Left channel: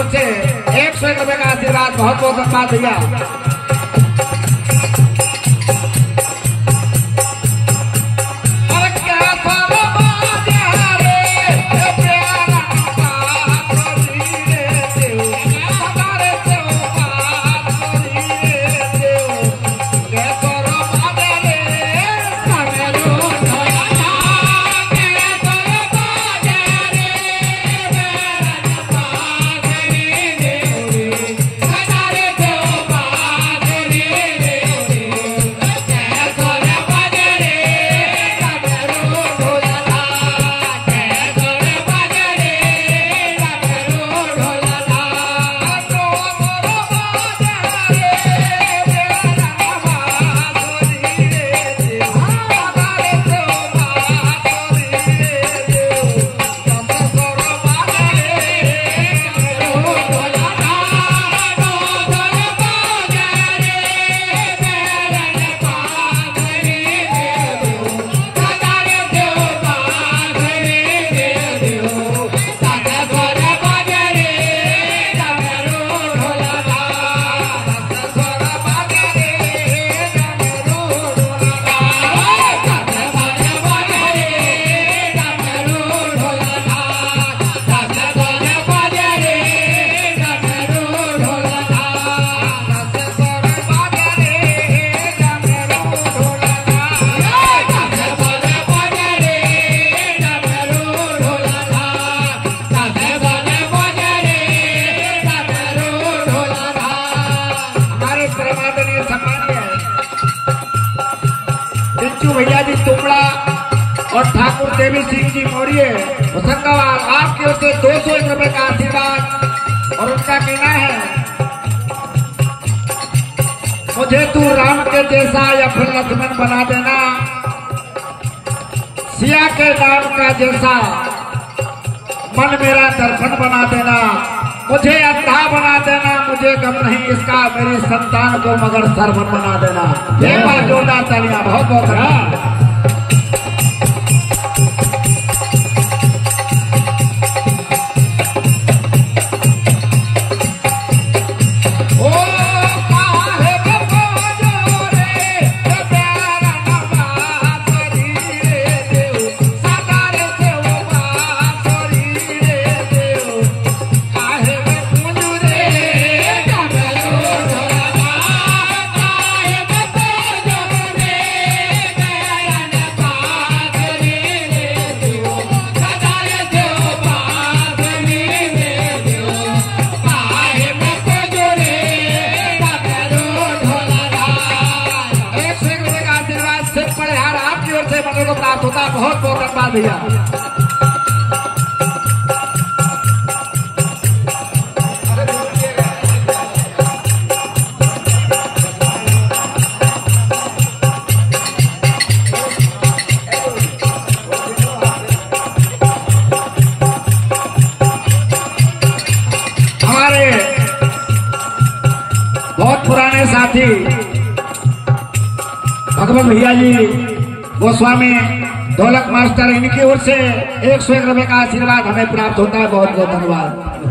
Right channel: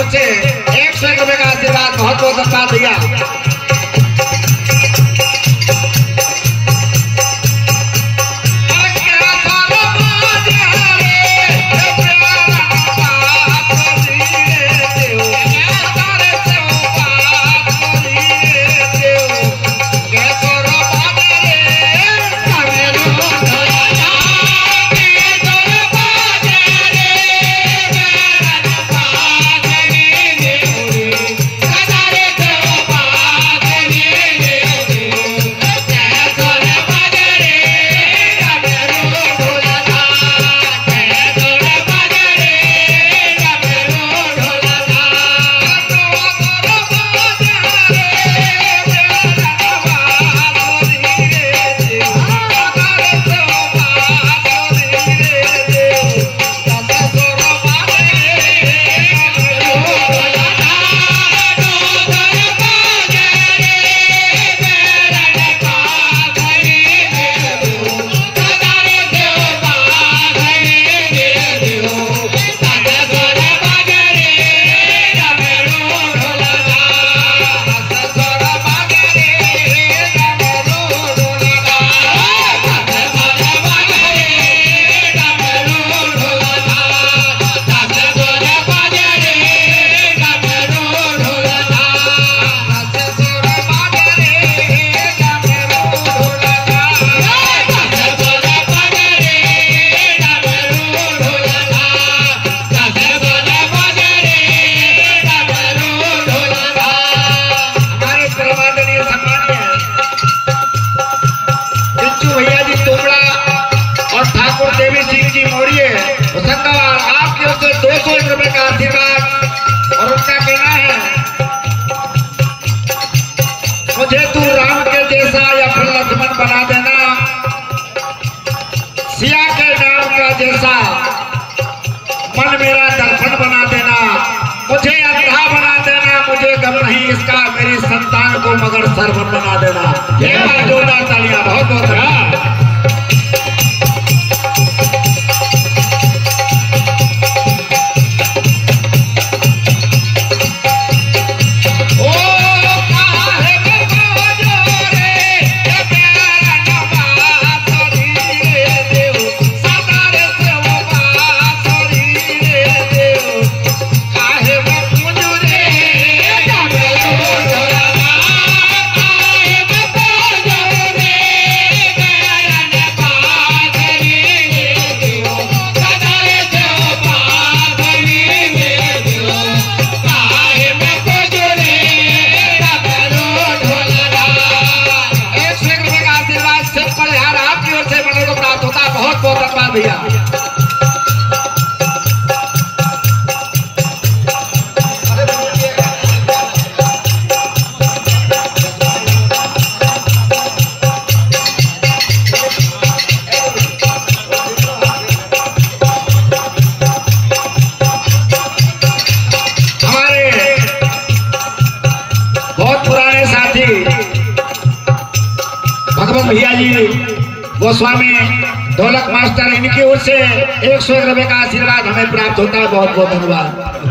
ओर से 101 रुपए का आशीर्वाद, बहुत बहुत धन्यवाद भैया। भैया जी तोमड़ा और ठाकुर देवी सिंह जी मौर्य होशंगाबाद, आपकी ओर से 201 रुपए का आशीर्वाद। और उनका कहना है, मुझे तू राम के जैसा या फिर लक्ष्मण बना देना, सिया के नाम का जैसा मन मेरा दर्पण बना देना, मुझे अंधा बना देना, मुझे गम नहीं इसका, मेरी संतान को मगर सरवन बना देना। ये बात जोरदार तालियां, बहुत बहुत भैया। हमारे बहुत पुराने साथी भगवत भैया जी गोस्वामी ढोलक मास्टर, इनकी ओर से 101 रुपए का आशीर्वाद हमें प्राप्त होता है। बहुत बहुत धन्यवाद।